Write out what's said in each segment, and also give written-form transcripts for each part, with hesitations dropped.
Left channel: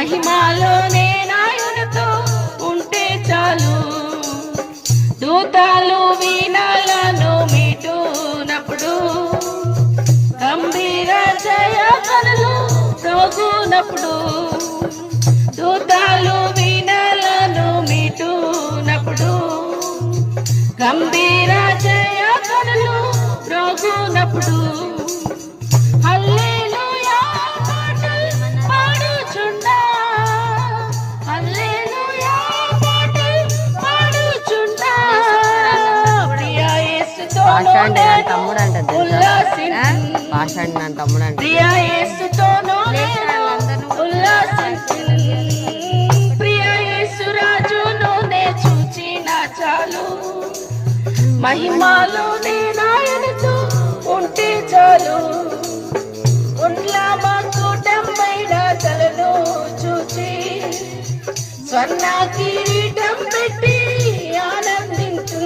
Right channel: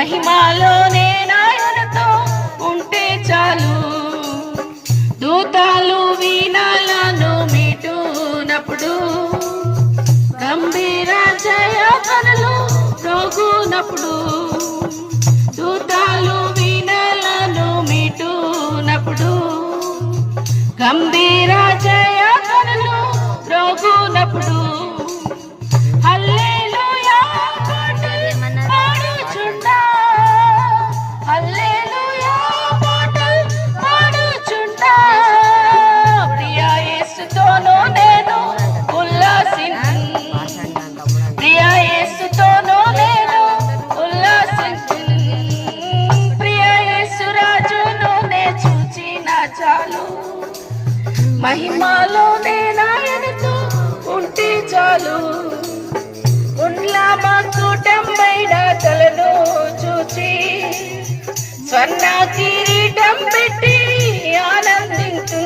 మహిమలోనే నాయనతో ఉంటే చాలు. దూతలు వీణలను మీటునప్పుడు, గంభీర జయ కనులు మ్రోగునప్పుడు, దూతలు వీణలను మీటునప్పుడు, గంభీర జయ కనులు మ్రోగునప్పుడు, హల్లెలూయా పాటలు పాడుచుండా, హల్లెలూయా పాటలు పాడుచుండా, ప్రియ యేసుతో ప్రియ యేసుతోను ప్రియ యేసు రాజును నే చూచిన చాలు. మహిమలోనే నాయనతో ఉంటే చాలు. ఉండ్లా మకుటం పైన తలను చూచి, స్వర్ణ కిరీటం పెట్టి ఆనందించు.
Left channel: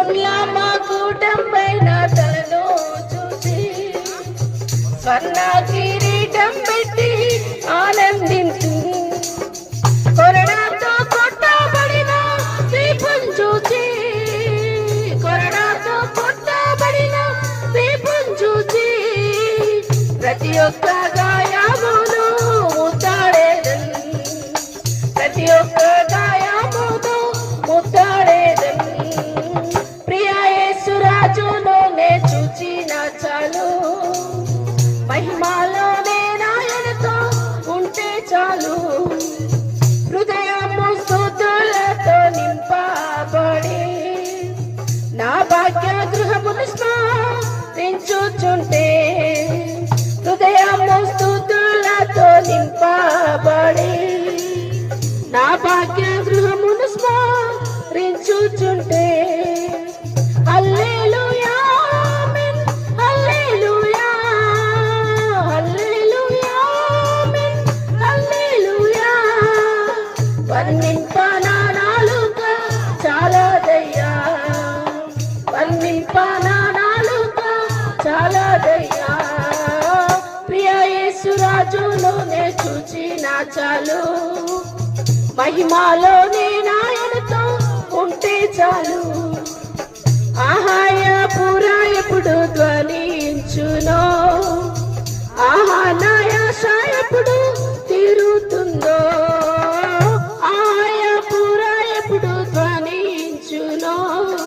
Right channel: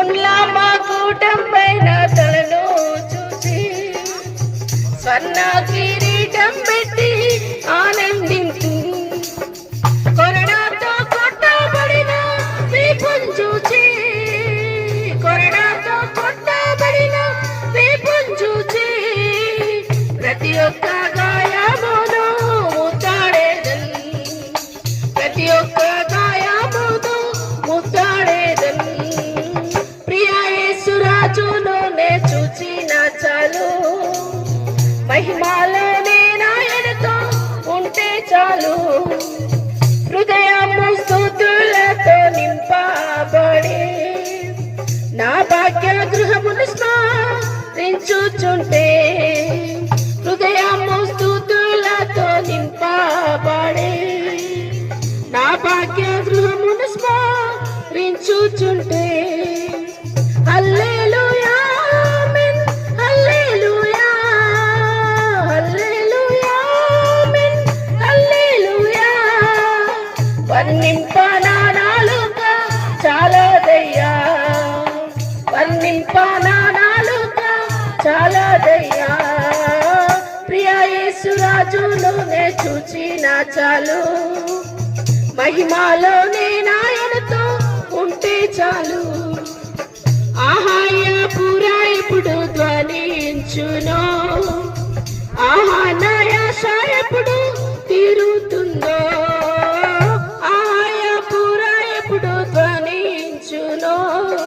ఉండ్లా మకుటం పైన తలను చూచి, స్వర్ణ కిరీటం పెట్టి ఆనందించు. కొరడాతో కొట్టబడిన వీపును చూచి, కొరడాతో కొట్టబడిన వీపును చూచి, ప్రతి ఒక్క గాయమును ముద్దాడేదన్, ప్రతి ఒక్క గాయమును ముద్దాడేదన్. ప్రియ యేసు రాజును నే చూచిన చాలు. మహిమలోనే నాయనతో ఉంటే చాలు. హృదయము స్తుతులతో నింపబడి, నా భాగ్య గృహమును స్మరించుచుంటే, హృదయము స్తుతులతో నింపబడి, నా భాగ్య గృహమును స్మరించుచుంటే, హల్లెలూయా ఆమేన్, హల్లెలూయా, హల్లెలూయా ఆమేన్, హల్లెలూయా. వర్ణింప నా నాలుక చాలదయ్యా, వర్ణింప నా నాలుక చాలదయ్యా. ప్రియ యేసు రాజును నే చూచిన చాలు. మహిమలోనే నాయనతో ఉంటే చాలు. ఆహాయ పుర ఎప్పుడు ధ్వనించునో,